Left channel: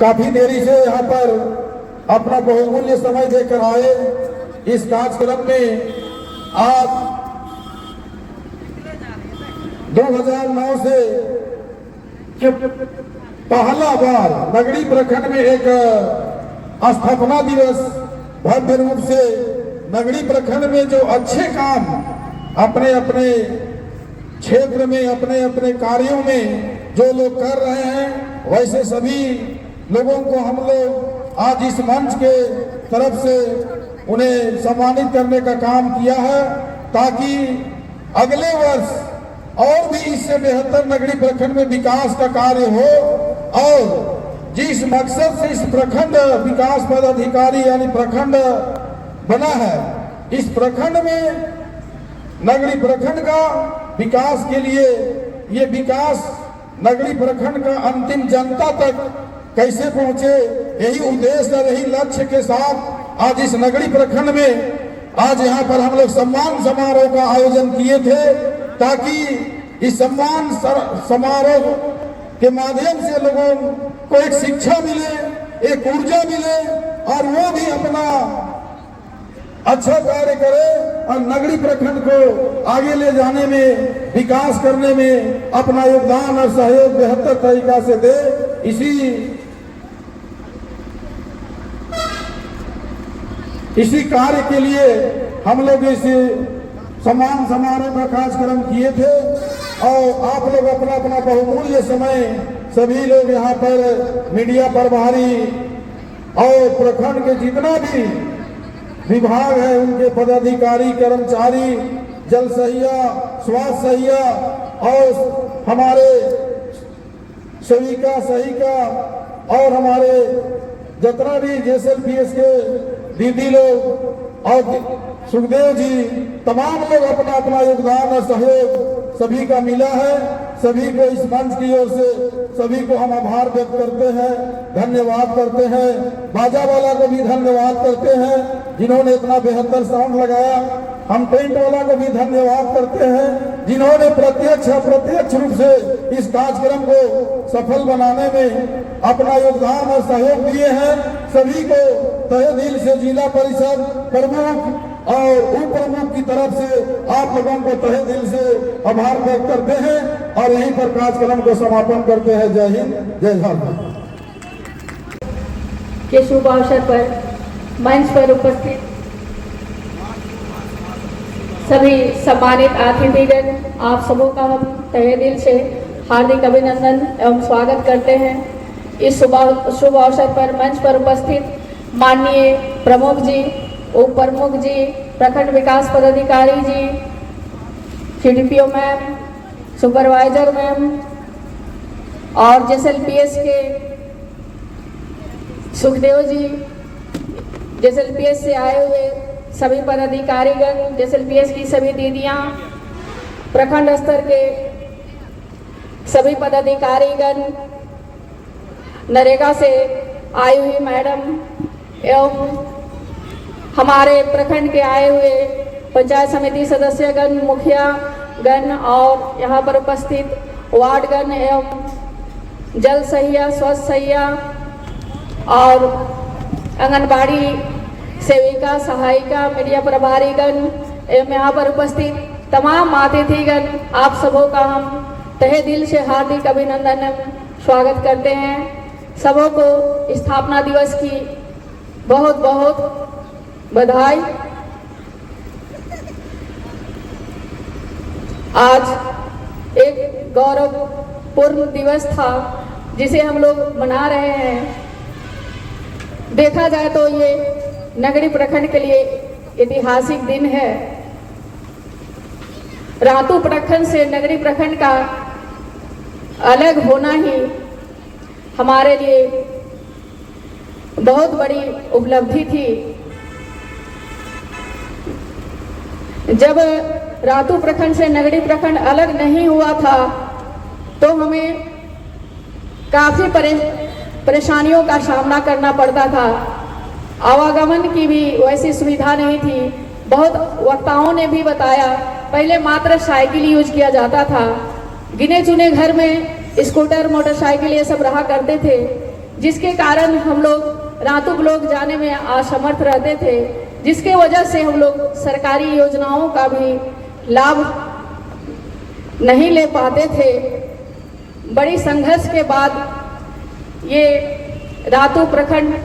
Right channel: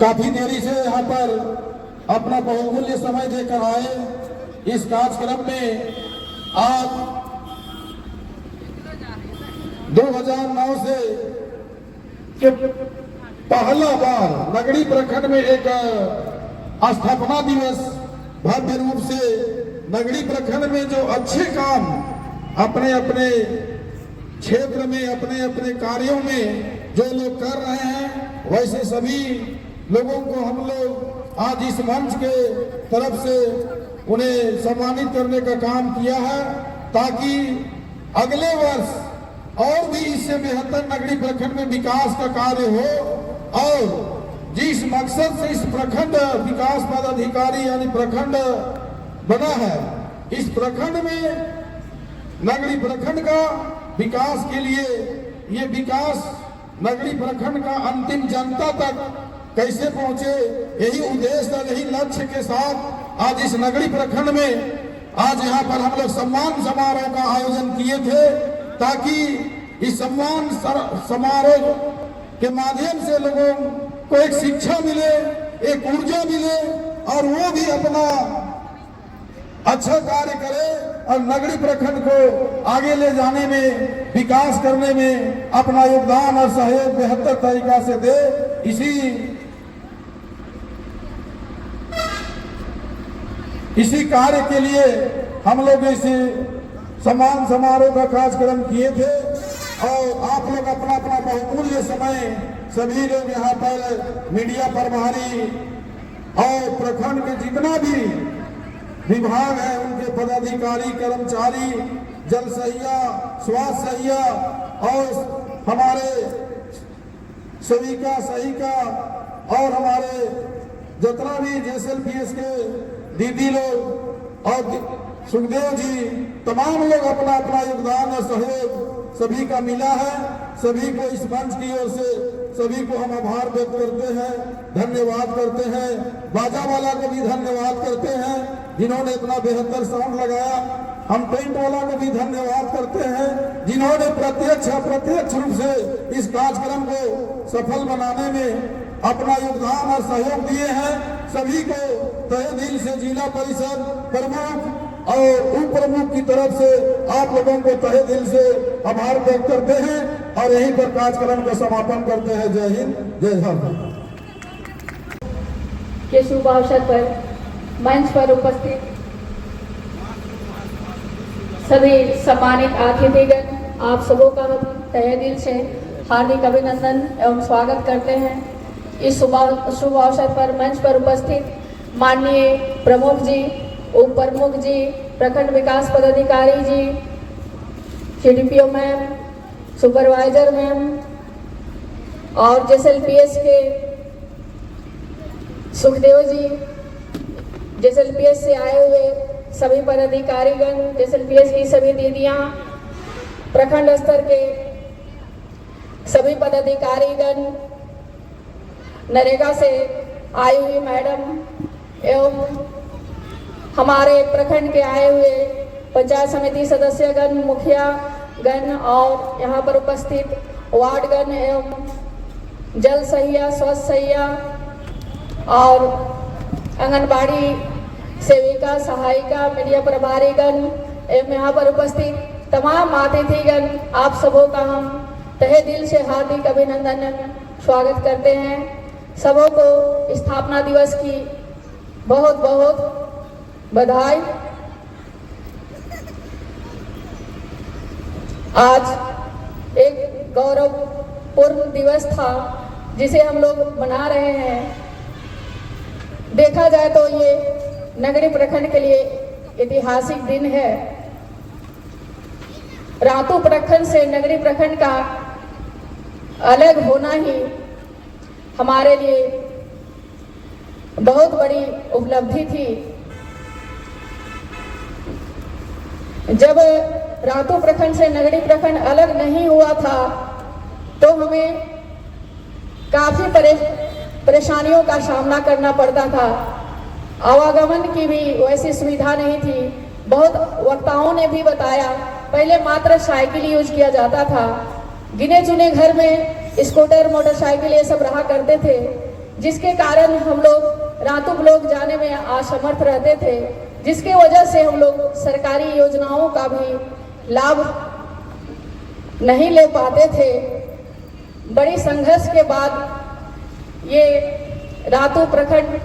काफी देरी से यहाँ पर अपना बहुमूल्य समय देकर आए। इस कार्यक्रम में आज 2009 से पहला बार नगड़ी प्रखंड में एक स्थापना दिवस भव्य रूप से नगड़ी प्रखंड में जो अच्छे काम अपने अपने क्षेत्र में अपने अपने कार्यों में जो लोग कर रहे हैं, वैसे सभी लोगों को हम लोग आज इस मंच के तरफ से उन्हें सम्मानित करने का काम किया है, ताकि अगले वर्ष और भी इससे बेहतर नगड़ी प्रखंड में विकास का कार्य हो। और जिस मकसद से इस प्रखंड विकास पदाधिकारी यानी प्रखंड बना है, इस प्रखंड में नगड़ी प्रखंड का विकास के लिए ये विकास नगड़ी प्रखंड का अंतिम जनता तक कैसे पहुंचे, यही उद्देश्य और यही लक्ष्य के साथ आज इस नगड़ी प्रखंड में आज यहाँ पर हम लोग सम्मान समारोह का आयोजन किए थे, ताकि इस सम्मान समारोह के माध्यम से लोगों को एक शिक्षा मिले, एक ऊर्जा मिले और वो भी अपना अच्छा कार्य करे और नगड़ी प्रखंड को आगे ले जाने में, विकास करने में अपना योगदान और सहयोग बेहतर तरीका से दे। इसी कार्य के लिए हम लोग इस सम्मान समारोह का कार्यक्रम किए थे और आप लोग अपना अपना बहुमूल्य समय सभी लोग यहाँ पर मीडिया प्रभारी और प्रखंड के जितना भी विभाग है उनके पदाधिकारी, कर्मचारी, जल सहिया, स्वास्थ्य सहिया और हमारे सेविका सहिका और हमारे जितना भी JSLPS के दीदी लोग और सुखदेव जी, तमाम लोग अपना अपना योगदान और सहयोग सभी का मिला है। सभी को इस मंच की ओर से सभी को हम आभार व्यक्त करते हैं, धन्यवाद करते हैं। बाजा वाला को भी धन्यवाद करते हैं जिन्होंने इतना बेहतर साउंड लगाया। हम टेंट वाला को भी धन्यवाद करते हैं जिन्होंने प्रत्यक्ष अप्रत्यक्ष रूप से इस कार्यक्रम को सफल बनाने में अपना योगदान और सहयोग दिए हैं। सभी को तहे दिल से जिला परिषद प्रमुख और उप प्रमुख की तरफ से आप लोगों को तहे दिल से आभार व्यक्त करते हैं और यहीं पर कार्यक्रम को समापन करते हैं। जय हिंद, जय भारत। के शुभ अवसर पर मंच पर उपस्थित सभी सम्मानित अतिथिगण, आप सबों का हम तहे दिल से हार्दिक अभिनंदन एवं स्वागत करते हैं। इस शुभ अवसर पर मंच पर उपस्थित माननीय प्रमुख जी, उप प्रमुख जी, प्रखंड विकास पदाधिकारी जी, CDPO मैम, सुपरवाइजर मैम और JSLPS के सुखदेव जी, JSLPS से आए हुए सभी पदाधिकारीगण, JSLPS की सभी दीदियां, प्रखंड स्तर के सभी पदाधिकारीगण, नरेगा से आई हुई मैडम एवं हमारे प्रखंड के आए हुए पंचायत समिति सदस्यगण, मुखिया गण और यहाँ पर उपस्थित वार्डगण एवं जल सहिया, स्वास्थ्य सहिया और आंगनबाड़ी सेविका, सहायिका, मीडिया प्रभारीगण एवं यहाँ पर उपस्थित तमाम अतिथिगण, आप सबों का हम तहे दिल से हार्दिक अभिनंदन स्वागत करते हैं। सबों को स्थापना दिवस की बहुत बहुत बधाई। आज एक गौरवपूर्ण दिवस था जिसे हम लोग मना रहे हैं। देखा जाए तो ये नगड़ी प्रखंड के लिए ऐतिहासिक दिन है। रातू प्रखंड से नगरी प्रखंड का अलग होना ही हमारे लिए बहुत बड़ी उपलब्धि थी। जब रातू प्रखंड से नगरी प्रखंड अलग नहीं हुआ था तो हमें काफी परेशानियों का सामना करना पड़ता था। आवागमन की भी वैसी सुविधा नहीं थी। बहुत वक्ताओं ने भी बताया, पहले मात्र साइकिल यूज किया जाता था। गिने चुने घर में स्कूटर, मोटरसाइकिल ये सब रहा करते थे। जिसके कारण हम लोग रातों ब्लॉक जाने में असमर्थ रहते थे, जिसकी वजह से हम लोग सरकारी योजनाओं का भी लाभ नहीं ले पाते थे। बड़ी संघर्ष के बाद ये रातू प्रखंड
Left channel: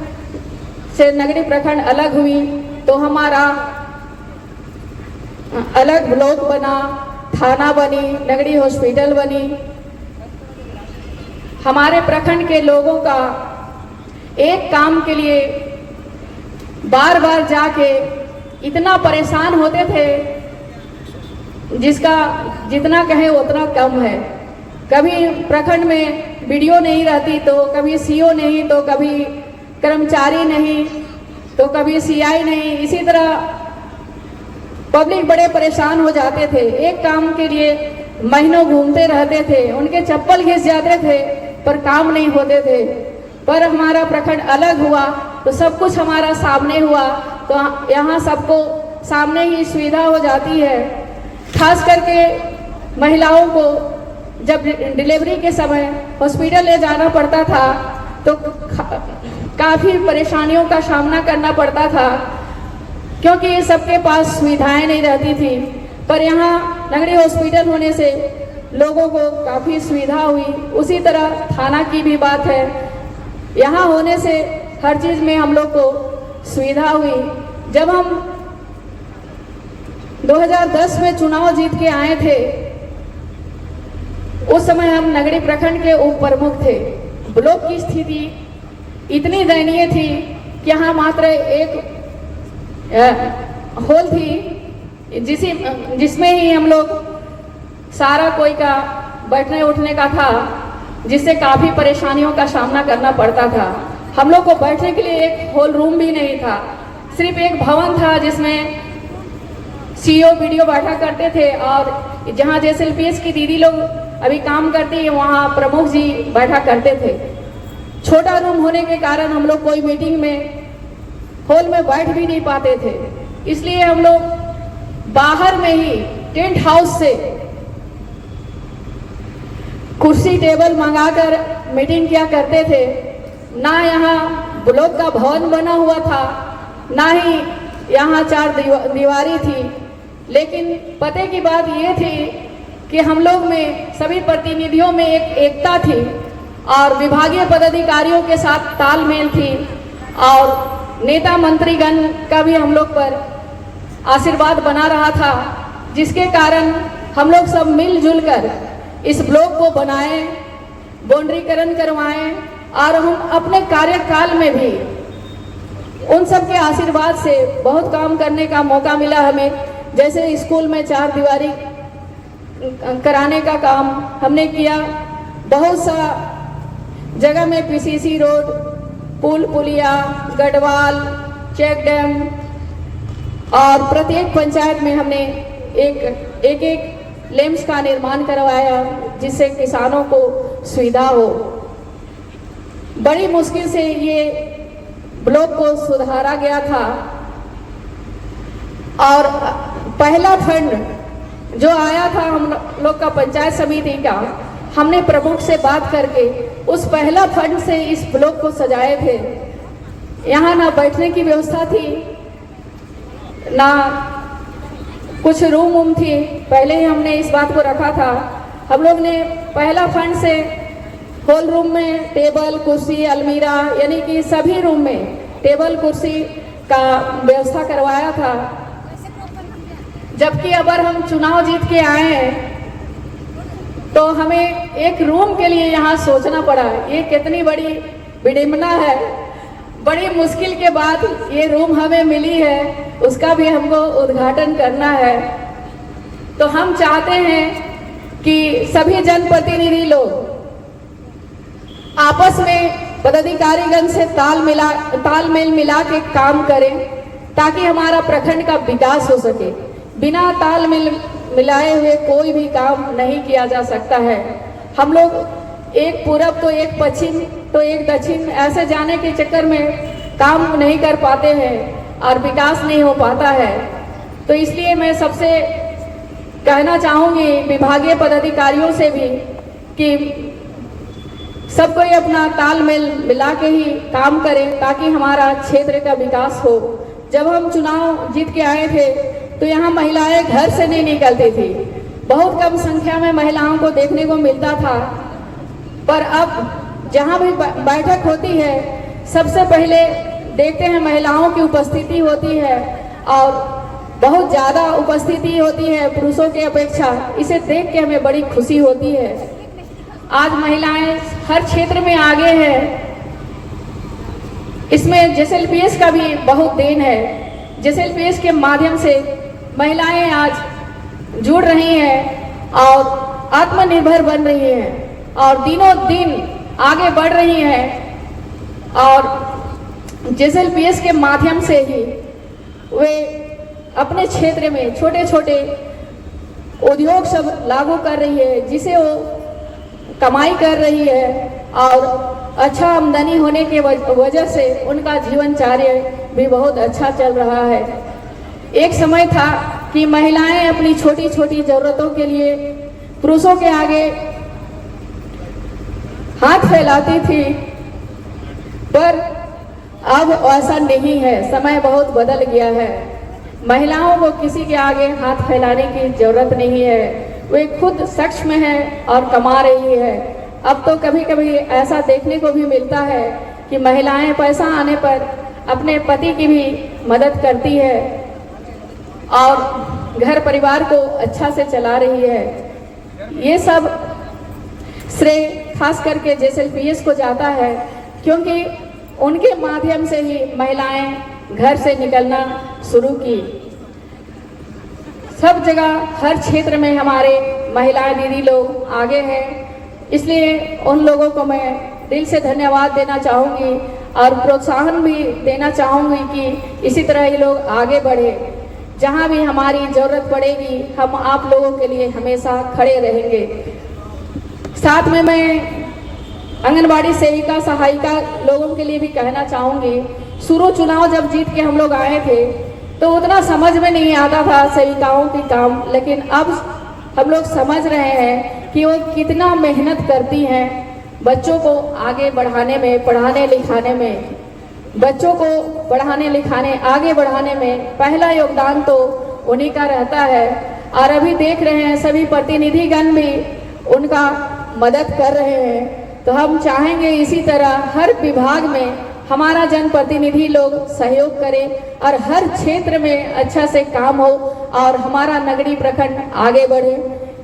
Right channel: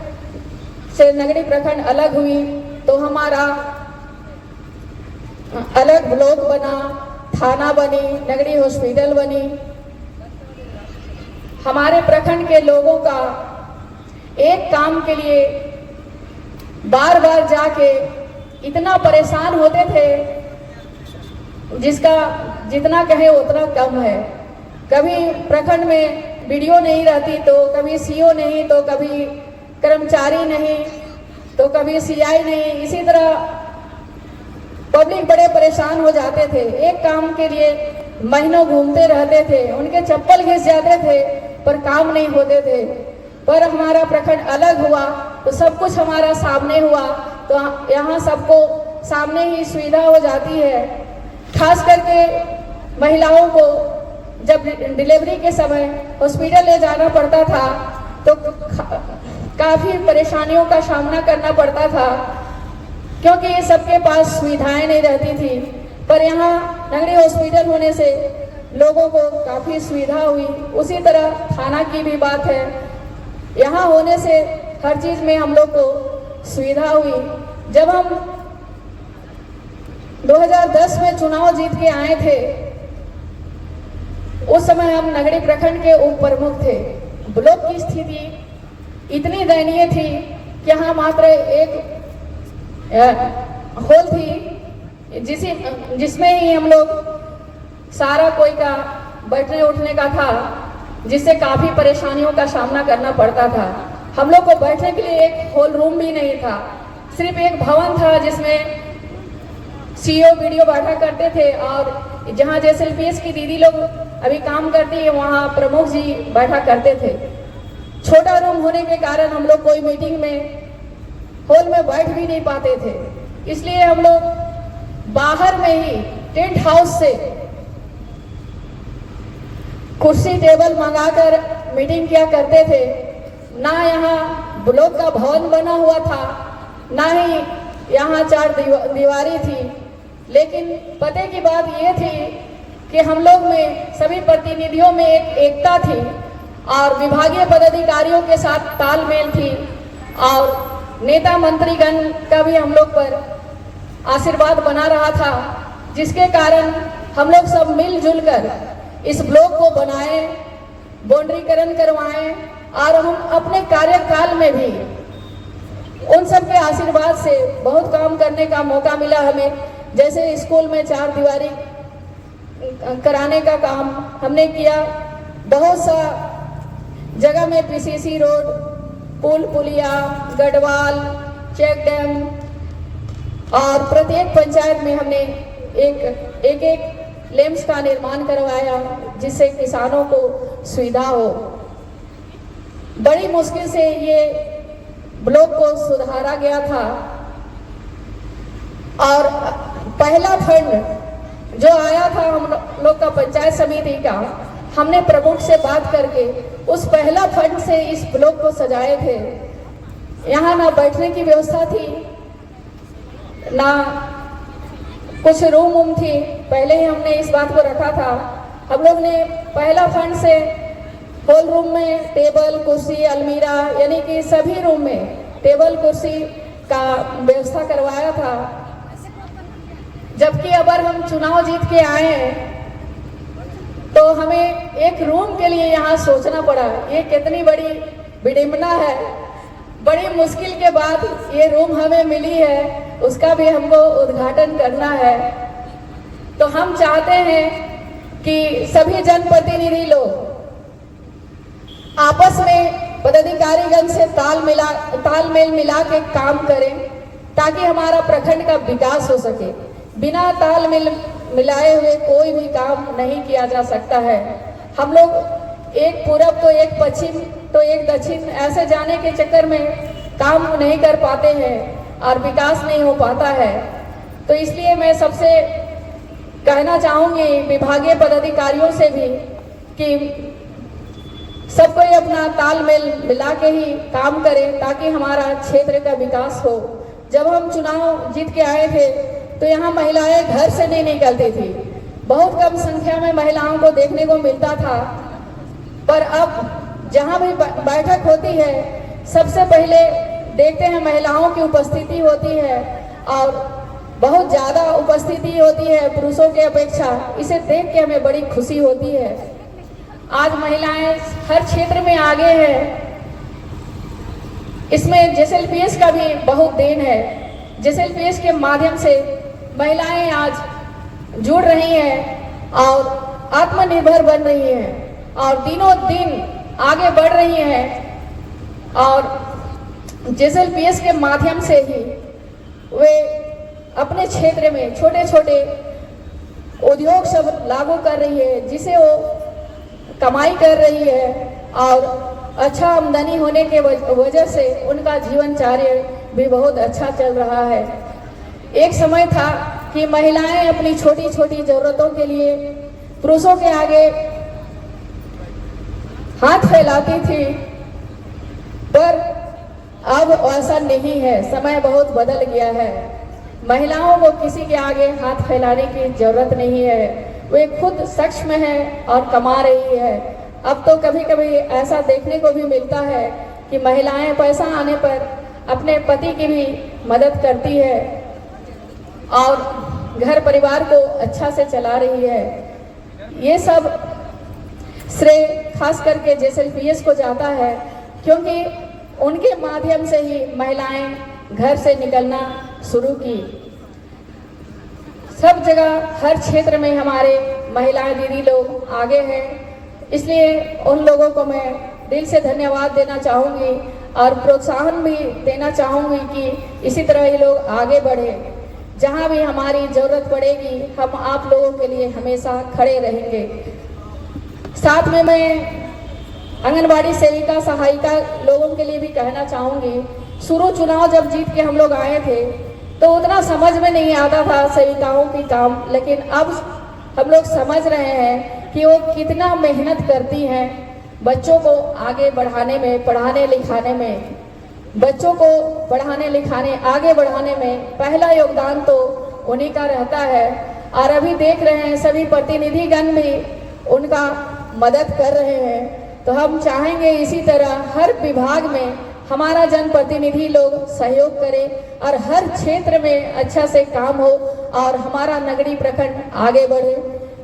से नगरी प्रखंड अलग हुई तो हमारा अलग ब्लॉक बना, थाना बनी, नगरी हॉस्पिटल बनी। हमारे प्रखंड के लोगों का एक काम के लिए बार बार जाके इतना परेशान होते थे जिसका जितना कहे उतना कम है। कभी प्रखंड में वीडियो नहीं रहती तो कभी सीओ नहीं तो कभी कर्मचारी नहीं तो कभी सीआई नहीं, इसी तरह पब्लिक बड़े परेशान हो जाते थे। एक काम के लिए महीनों घूमते रहते थे, उनके चप्पल घिस जाते थे पर काम नहीं होते थे। पर हमारा प्रखंड अलग हुआ तो सब कुछ हमारा सामने हुआ, तो यहाँ सबको सामने ही सुविधा हो जाती है। खास करके महिलाओं को जब डिलीवरी के समय हॉस्पिटल ले जाना पड़ता था तो काफी परेशानियों का सामना करना पड़ता था, क्योंकि सबके पास सुविधाएं नहीं रहती थी। पर यहाँ नगरी हॉस्पिटल होने से लोगों को काफी सुविधा हुई। उसी तरह थाना की भी बात है, यहाँ होने से हर चीज में हम लोग को सुविधा हुई। जब हम 2010 में चुनाव जीत के आए थे, उस समय हम नगरी प्रखंड के उप प्रमुख थे। ब्लॉक की स्थिति इतनी दयनीय थी कि यहाँ मात्र एक हॉल थी जिसमें ही हम लोग सारा कोई का बैठने उठने का था, जिससे काफी परेशानियों का सामना करना पड़ता था। हम लोग को बैठने के लिए एक हॉल रूम भी नहीं था, सिर्फ एक भवन था जिसमें सीओ वीडियो बैठा करते थे और जहाँ जेएसएलपीएस की दीदी लोग अभी काम करती है वहाँ प्रमुख जी बैठा करते थे। छोटा रूम होने के कारण हम लोग कोई मीटिंग में हॉल में बैठ भी नहीं पाते थे, इसलिए हम लोग बाहर में ही टेंट हाउस से कुर्सी टेबल मंगाकर मीटिंग किया करते थे। ना यहाँ ब्लॉक का भवन बना हुआ था, ना ही यहाँ चार दीवारी थी, लेकिन पते की बात ये थी कि हम लोग में सभी प्रतिनिधियों में एक एकता थी और विभागीय पदाधिकारियों के साथ तालमेल थी और नेता मंत्रीगण का भी हम लोग पर आशीर्वाद बना रहा था, जिसके कारण हम लोग सब मिलजुल कर इस ब्लॉक को बनाए, बाउंड्रीकरण करवाएं और हम अपने कार्यकाल में भी उन सब के आशीर्वाद से बहुत काम करने का मौका मिला हमें। जैसे स्कूल में चार दीवारी कराने का काम हमने किया, बहुत सा जगह में पीसीसी रोड, पुल पुलिया, गढ़वाल, चेक डैम और प्रत्येक पंचायत में हमने एक लेम्स का निर्माण करवाया जिससे किसानों को सुविधा हो। बड़ी मुश्किल से ये ब्लॉक को सुधारा गया था और पहला फंड जो आया था हम लोग का पंचायत समिति का, हमने प्रमुख से बात करके उस पहला फंड से इस ब्लॉक को सजाए थे। यहाँ ना बैठने की व्यवस्था थी, ना कुछ रूम थी, पहले ही हमने इस बात को रखा था। हम लोग ने पहला फंड से हॉल रूम में टेबल कुर्सी अलमीरा यानी कि सभी रूम में टेबल कुर्सी का व्यवस्था करवाया था। जबकि अगर हम चुनाव जीत के आए हैं तो हमें एक रूम के लिए यहाँ सोचना पड़ा। ये कितनी बड़ी विडंबना है, बड़ी मुश्किल के बाद ये रूम हमें मिली है, उसका भी हमको उद्घाटन करना है। तो हम चाहते हैं कि सभी जनप्रतिनिधि लोग आपस में पदाधिकारीगण से तालमेल मिला के काम करें ताकि हमारा प्रखंड का विकास हो सके। बिना तालमेल मिलाए हुए कोई भी काम नहीं किया जा सकता है। हम लोग एक पूरब तो एक पश्चिम तो एक दक्षिण ऐसे जाने के चक्कर में काम नहीं कर पाते हैं और विकास नहीं हो पाता है। तो इसलिए मैं सबसे कहना चाहूंगी विभागीय पदाधिकारियों से भी कि सबको ही अपना तालमेल मिला के ही काम करें ताकि हमारा क्षेत्र का विकास हो। जब हम चुनाव जीत के आए थे तो यहाँ महिलाएं घर से नहीं निकलती थी, बहुत कम संख्या में महिलाओं को देखने को मिलता था। पर अब जहाँ भी बैठक होती है सबसे पहले देखते हैं महिलाओं की उपस्थिति होती है और बहुत ज़्यादा उपस्थिति होती है पुरुषों की अपेक्षा। इसे देख के हमें बड़ी खुशी होती है। आज महिलाएं हर क्षेत्र में आगे हैं। इसमें जेएसएलपीएस का भी बहुत देन है। जेएसएलपीएस के माध्यम से महिलाएं आज जुड़ रही हैं और आत्मनिर्भर बन रही हैं और दिनों दिन आगे बढ़ रही हैं और जेएसएलपीएस के माध्यम से ही वे अपने क्षेत्र में छोटे छोटे उद्योग सब लागू कर रही है, जिसे वो कमाई कर रही है और अच्छा आमदनी होने के वजह से उनका जीवनचर्या भी बहुत अच्छा चल रहा है। एक समय था कि महिलाएं अपनी छोटी छोटी जरूरतों के लिए पुरुषों के आगे हाथ फैलाती थी, पर अब ऐसा नहीं है। समय बहुत बदल गया है। महिलाओं को किसी के आगे हाथ फैलाने की जरूरत नहीं है, वे खुद सक्षम है और कमा रही है। अब तो कभी कभी ऐसा देखने को भी मिलता है कि महिलाएं पैसा आने पर अपने पति की भी मदद करती है और घर परिवार को अच्छा से चला रही है। ये सब श्रेय खास करके जेएसएलपीएस को जाता है, क्योंकि उनके माध्यम से ही महिलाएं घर से निकलना शुरू की। सब जगह हर क्षेत्र में हमारे महिला दीदी लोग आगे हैं, इसलिए उन लोगों को मैं दिल से धन्यवाद देना चाहूँगी और प्रोत्साहन भी देना चाहूँगी कि इसी तरह ये लोग आगे बढ़े। जहाँ भी हमारी ज़रूरत पड़ेगी हम आप लोगों के लिए हमेशा खड़े रहेंगे। साथ में मैं आंगनबाड़ी सेविका सहायिका लोगों के लिए भी कहना चाहूँगी, शुरू चुनाव जब जीत के हम लोग आए थे तो उतना समझ में नहीं आता था सेविकाओं के काम, लेकिन अब हम लोग समझ रहे हैं कि वो कितना मेहनत करती हैं बच्चों को आगे बढ़ाने में, पढ़ाने लिखाने में। बच्चों को पढ़ाने लिखाने आगे बढ़ाने में पहला योगदान तो उन्हीं का रहता है और अभी देख रहे हैं सभी प्रतिनिधिगण भी उनका मदद कर रहे हैं। तो हम चाहेंगे इसी तरह हर विभाग में हमारा जनप्रतिनिधि लोग सहयोग करें और हर क्षेत्र में अच्छा से काम हो और हमारा नगरी प्रखंड आगे बढ़े।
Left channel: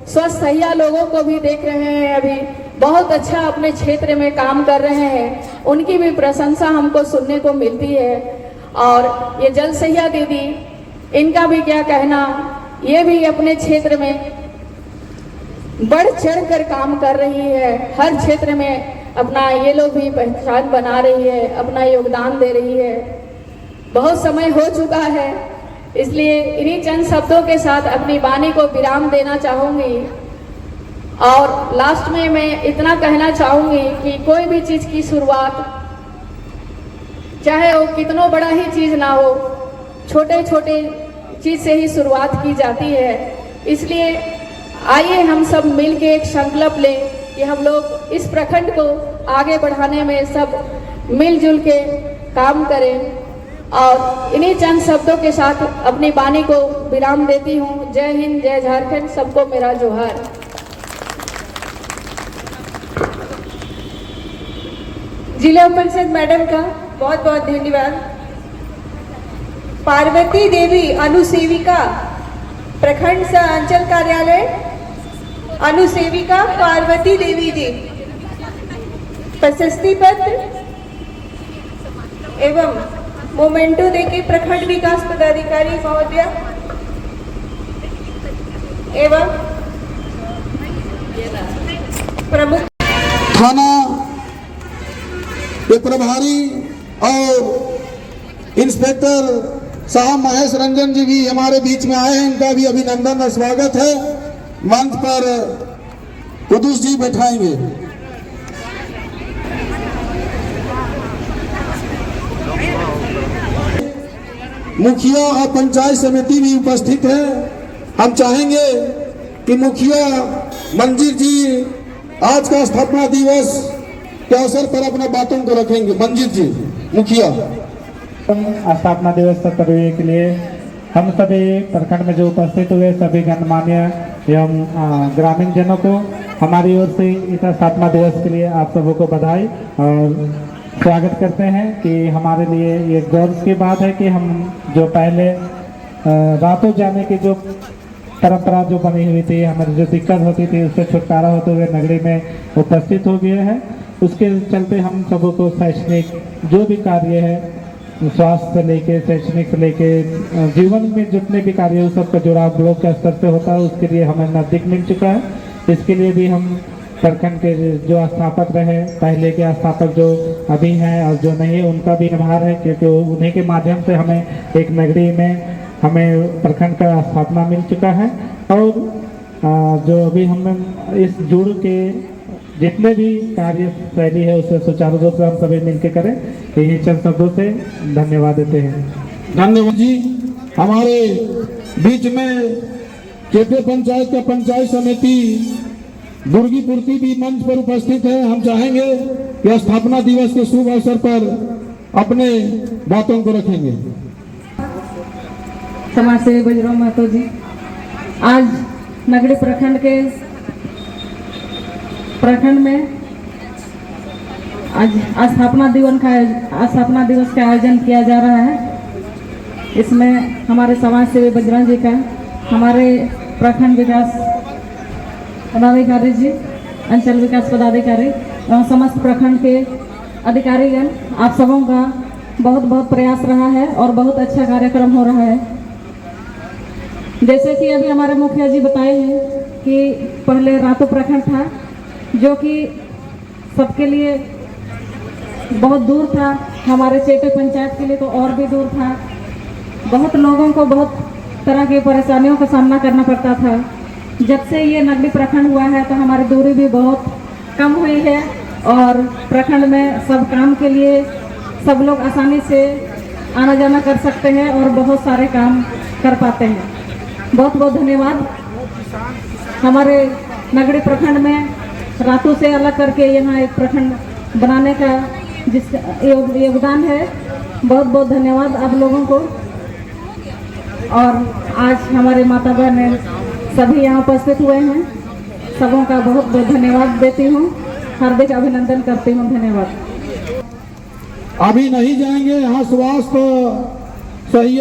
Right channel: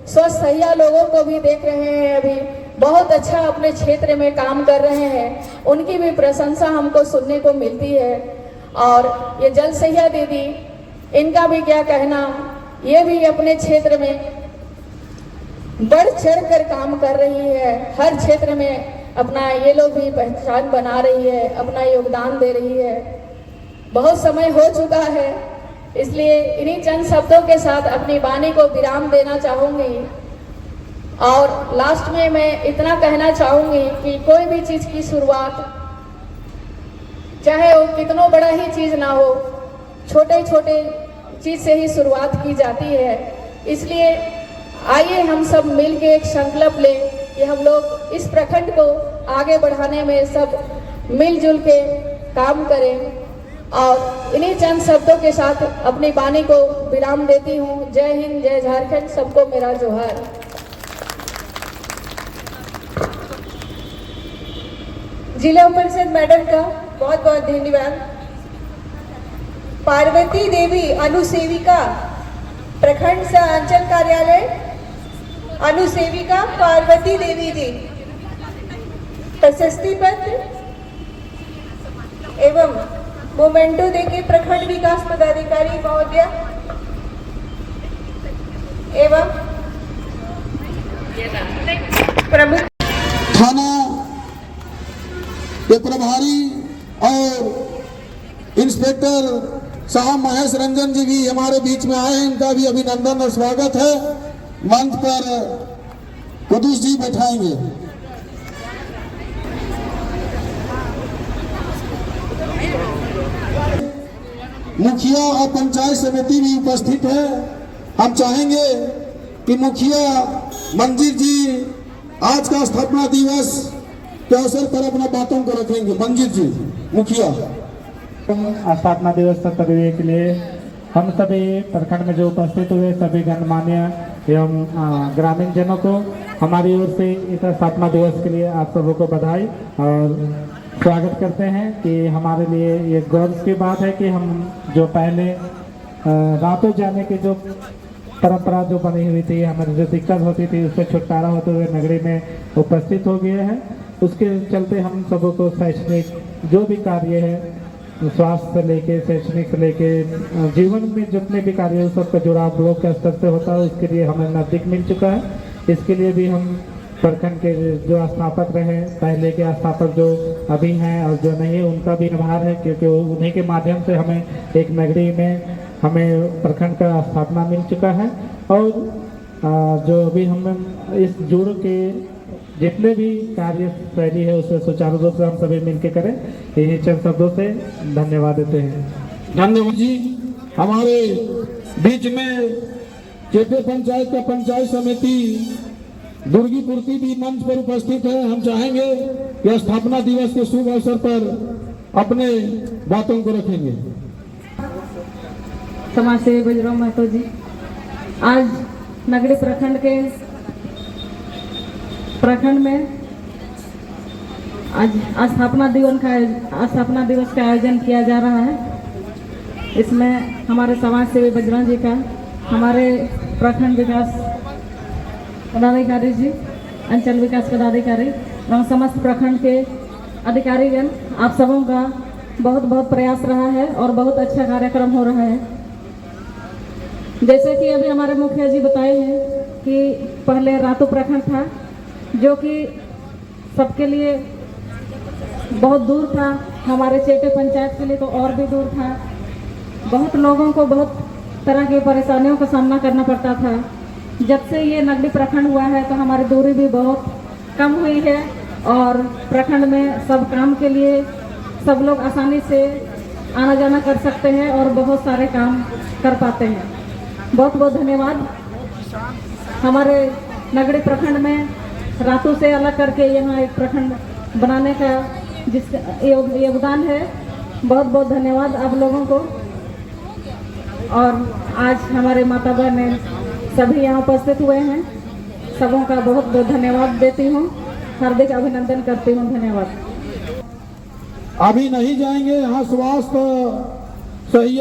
स्वसहायता लोगों को भी देख रहे हैं, अभी बहुत अच्छा अपने क्षेत्र में काम कर रहे हैं, उनकी भी प्रशंसा हमको सुनने को मिलती है। और ये जल सहिया दीदी, इनका भी क्या कहना, ये भी अपने क्षेत्र में बढ़ चढ़ कर काम कर रही है। हर क्षेत्र में अपना ये लोग भी पहचान बना रही है, अपना योगदान दे रही है। बहुत समय हो चुका है, इसलिए इन्हीं चंद शब्दों के साथ अपनी वाणी को विराम देना चाहूँगी। और लास्ट में मैं इतना कहना चाहूँगी कि कोई भी चीज़ की शुरुआत चाहे वो कितना बड़ा ही चीज़ ना हो, छोटे छोटे चीज़ से ही शुरुआत की जाती है। इसलिए आइए हम सब मिल के एक संकल्प लें कि हम लोग इस प्रखंड को आगे बढ़ाने में सब मिलजुल के काम करें। और इन्हीं चंद शब्दों के साथ अपनी वाणी को विराम देती हूँ। जय हिंद, जय झारखंड, सबको मेरा जोहार। जिला परिषद मैडम का बहुत बहुत धन्यवाद। पार्वती देवी अनुसेविका, प्रखंड सह अंचल कार्यालय अनुसेविका पार्वती देवी जी, प्रशस्ति पत्र एवं मोमेंटो देके प्रखंड विकास पदाधिकारी महोदय एवं प्रमुख थाना के प्रभारी और इंस्पेक्टर साहब महेश रंजन जी भी हमारे बीच में आए हैं, इनका भी अभिनंदन और स्वागत है। मंच पर कुदूस जी बैठाएंगे। मुखिया और पंचायत समिति भी उपस्थित है। हम चाहेंगे कि मुखिया मंजीर जी आज का स्थापना दिवस के अवसर पर अपना बातों को रखेंगे। मंजीत जी मुखिया। स्थापना दिवस करने के लिए हम सभी प्रखंड में जो उपस्थित हुए सभी गणमान्य एवं ग्रामीण जनों को हमारी ओर से इस स्थापना दिवस के लिए आप सबों को बधाई और स्वागत करते हैं कि हमारे लिए ये गौरव की बात है कि हम जो पहले रातों जाने की जो परंपरा जो बनी हुई थी, हमारी जो दिक्कत होती थी उससे छुटकारा होते हुए नगरी में उपस्थित हो गए हैं। उसके चलते हम सबों को शैक्षणिक जो भी कार्य है, स्वास्थ्य से लेके शैक्षणिक से लेके जीवन में जितने भी कार्य है सबका जुड़ाव ब्लॉक के स्तर से होता है, उसके लिए हमें नजदीक मिल चुका है। इसके लिए भी हम प्रखंड के जो स्थापक रहे, पहले के स्थापक जो अभी हैं और जो नहीं उनका भी आभार है, क्योंकि उन्हीं के माध्यम से हमें एक नगरी में हमें प्रखंड का स्थापना मिल चुका है। और जो अभी हम इस जुड़ के जितने भी कार्य शैली है उसे सुचारू रूप से हम सभी मिलकर करें, यही चंद शब्दों से धन्यवाद देते हैं। धन्यवाद जी। हमारे बीच में केपे पंचायत का पंचायत समिति दुर्गीपुर की भी मंच पर उपस्थित है। हम चाहेंगे कि स्थापना दिवस के शुभ अवसर पर अपने बातों को रखेंगे। समाज सेवी बजरंग महतो जी, आज नगरी प्रखंड में आज स्थापना दिवस का आयोजन किया जा रहा है। इसमें हमारे समाज सेवी बजरंग जी का, हमारे प्रखंड विकास पदाधिकारी जी, अंचल विकास पदाधिकारी एवं समस्त प्रखंड के अधिकारीगण, आप सबों का बहुत बहुत प्रयास रहा है और बहुत अच्छा कार्यक्रम हो रहा है। जैसे कि अभी हमारे मुखिया जी बताए हैं कि पहले रातों प्रखंड था जो कि सबके लिए बहुत दूर था, हमारे चेटे पंचायत के लिए तो और भी दूर था। बहुत लोगों को बहुत तरह की परेशानियों का सामना करना पड़ता था। जब से ये नगरी प्रखंड हुआ है तो हमारी दूरी भी बहुत कम हुई है और प्रखंड में सब काम के लिए सब लोग आसानी से आना जाना कर सकते हैं और बहुत सारे काम कर पाते हैं। बहुत बहुत धन्यवाद। हमारे नगरी प्रखंड में रातों से अलग करके यहाँ एक प्रखंड बनाने का जिस योगदान है, बहुत बहुत धन्यवाद आप लोगों को। और आज हमारे माता बहन सभी यहाँ उपस्थित हुए हैं, सबों का बहुत बहुत धन्यवाद देती हूँ, हार्दिक अभिनंदन करती हूँ। धन्यवाद। अभी नहीं जाएंगे, यहाँ स्वास्थ्य सही